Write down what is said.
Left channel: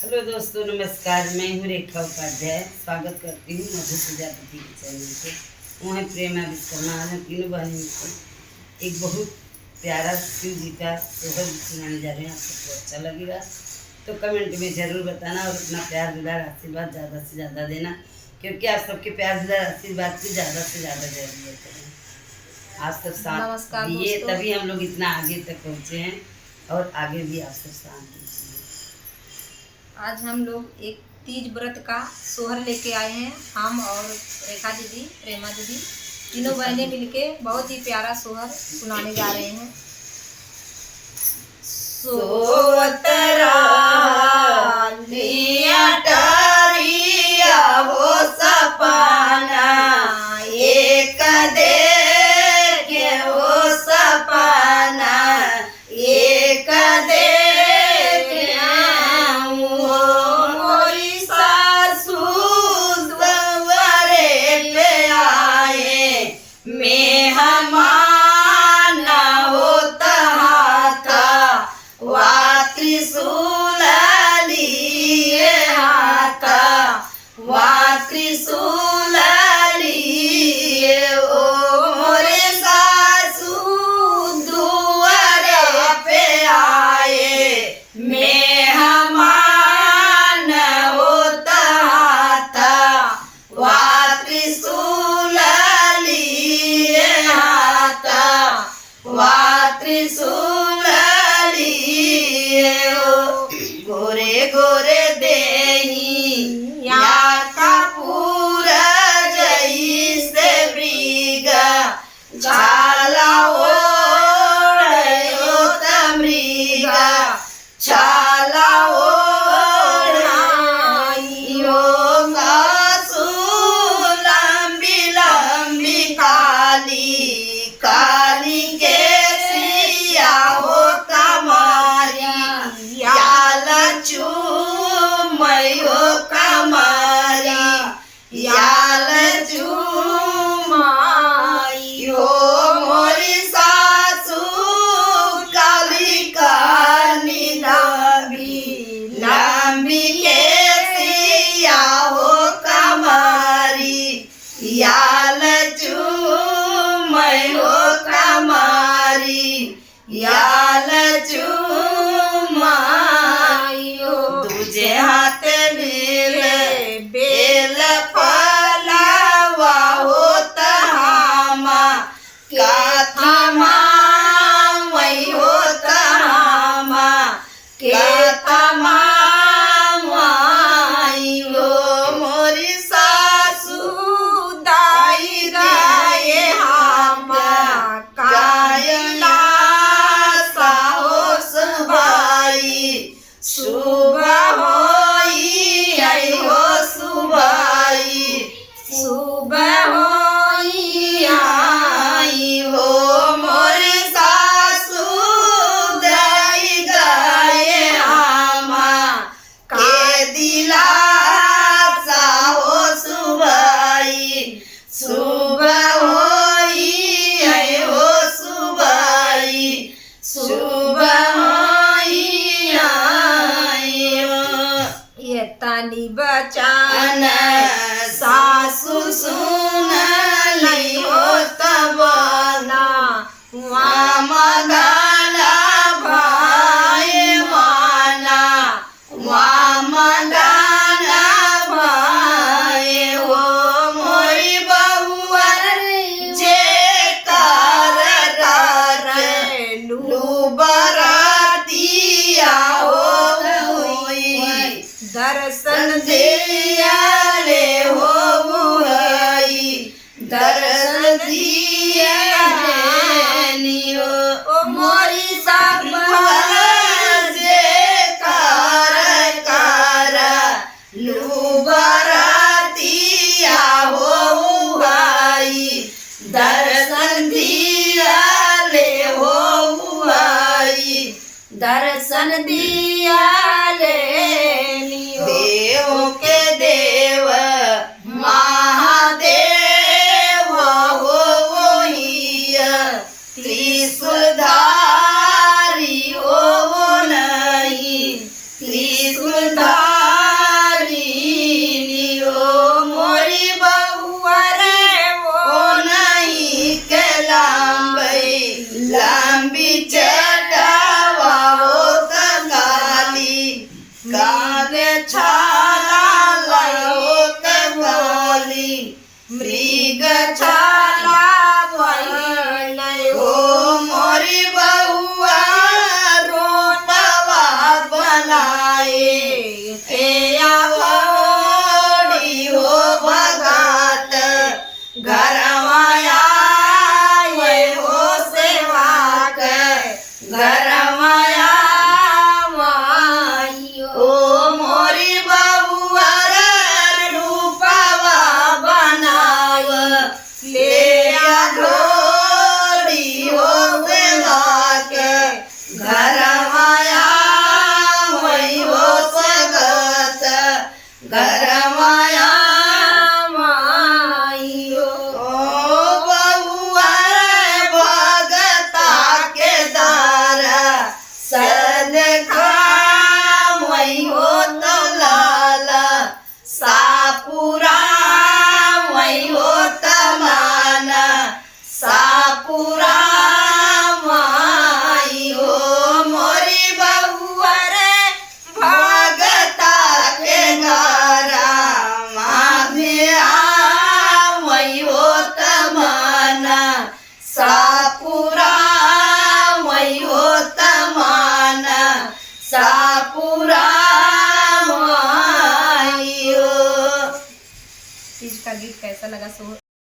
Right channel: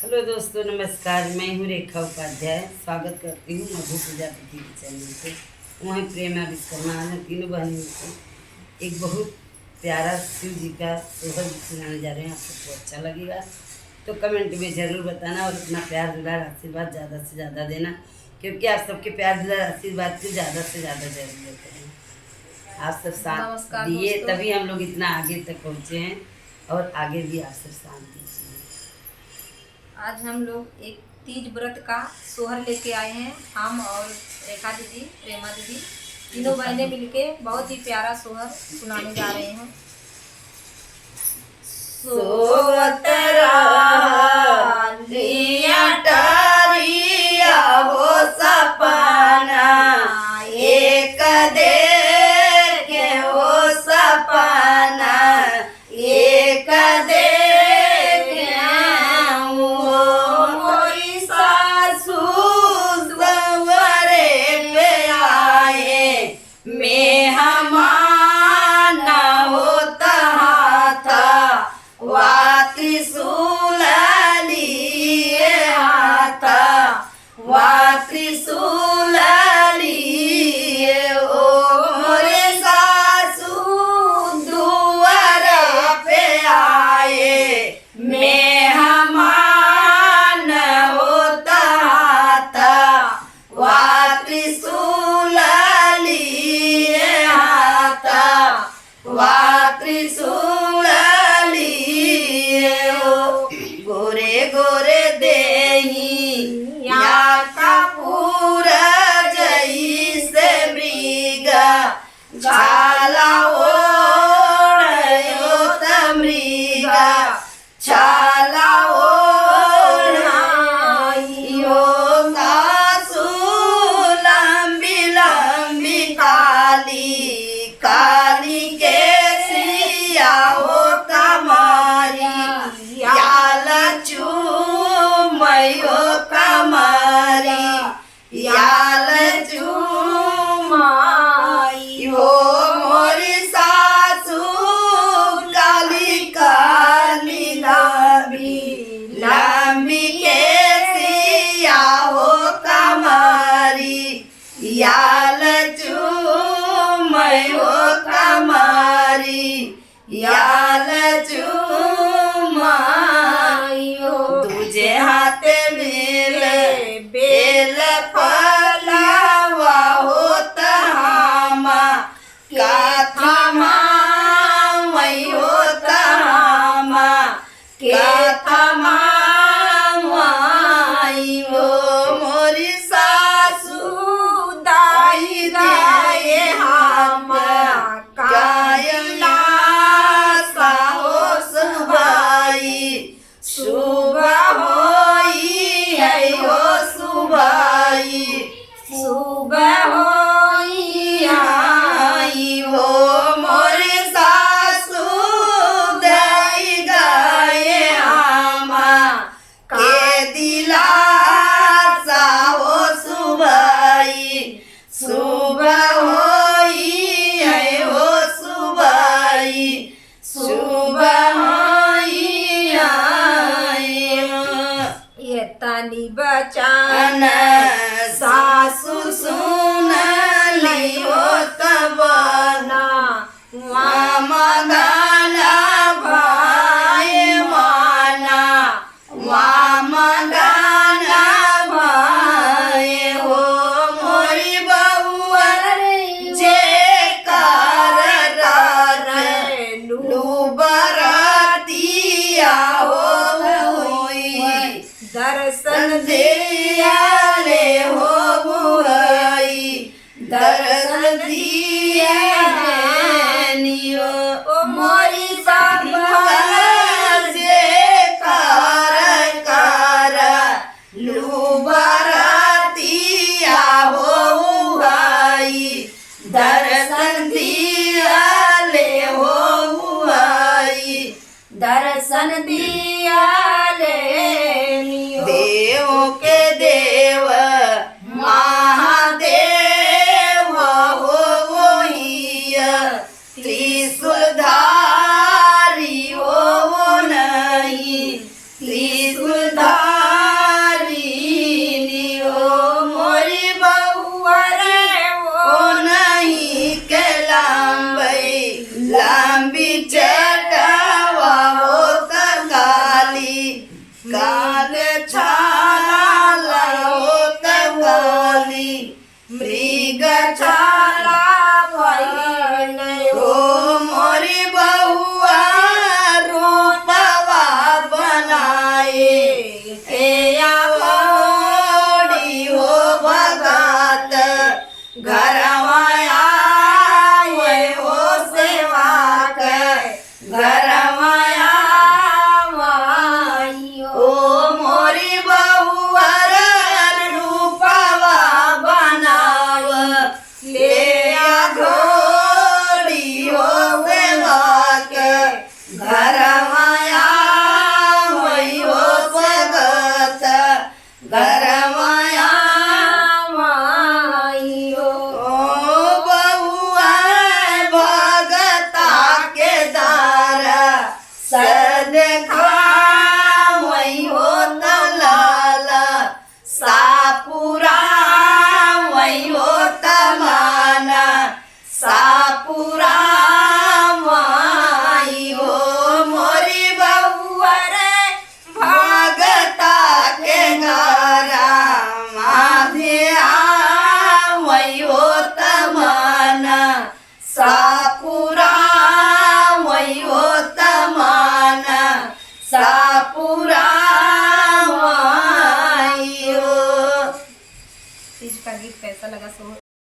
Hello दोस्तों, नमस्कार। मैं हूँ रेखा उपाध्याय। स्वागत करती हूँ मधु प्रजापति के चैनल पे। वहीं प्रेमा विश्वकर्मा हम तीनों बहनों को एक बहुत प्यारा शिव जी का सोहर सुनाने जा रहे हैं। आप सबको अच्छा लगेगा तो कमेंट में ज़रूर बताना और अपना प्यार दुलार आशीर्वाद ज़्यादा से ज़्यादा देना, क्योंकि आप सबके प्यार दुलार आशीर्वाद की ज़्यादा से ज़्यादा ज़रूरत है। आप सब साथ दिए तभी हम लोग इतना आगे तक पहुँचे हैं और आगे भी आप सब साथ दीजिए। आज हम लोग एक तीज व्रत का सोहर लेके आए हैं। हम और रेखा दीदी, प्रेमा दीदी तीनों बहनें मिलके बहुत ही प्यारा सोहर सुनाने जा रहे हैं। सोवतरा लिया टरिया हो सपना एक देखे हो सपना एक गोरे गोरे देही या कपूर जैसे मृगा छाला ओढ़ो मृगा छाला ओढ़ाइयो लंबी लंबी काली काली के सिया हो कमारी याल चूमयो कमारी याल चूमायो मोरी सासू काली काली लंबी लंबी के सिया हो कमारी याल चूमयो कमारी याल चूमायो तुझे हाथ मेरे बेल फलावा होत हामा क्या थामा वही होत हामा के थामा वाइयो मोरी सासू दाई गाये हामा कायला सुबह होई आई हो सुबाई सुबह होई आई हो मोरे सासू दाई गाये हामा के दिलासा हो सुबाई सुबह होई आई हो सुबाई सुबह तनी बचान सासु सुन नहीं हो तबना वामगाला भाई माना वामगाला भाई हो मोरी बहुअर जे कर लू बरातिया हो दर्शन दिया ले हो मुहई दर्शन दिया लियो ओ मोरी बाबा जे कार लू बरातिया हो मुहई दर्शन दिया ले हो मुहई दर्शन दिया ले देव के देव के आखोड़ी हो भगत घरवा आए हो सेवा के घरवा ओ मोरी बहुआ रूपवा बनाव ले घोड़ी हो सेवा के घरवा हो सगत घरवा ओ बहुआ भगता के दारा सद हो तो लाला सापुरा हो तमाना सापुरा हो मोरी बहुआ भगता के नारा माधे हो तमाना सा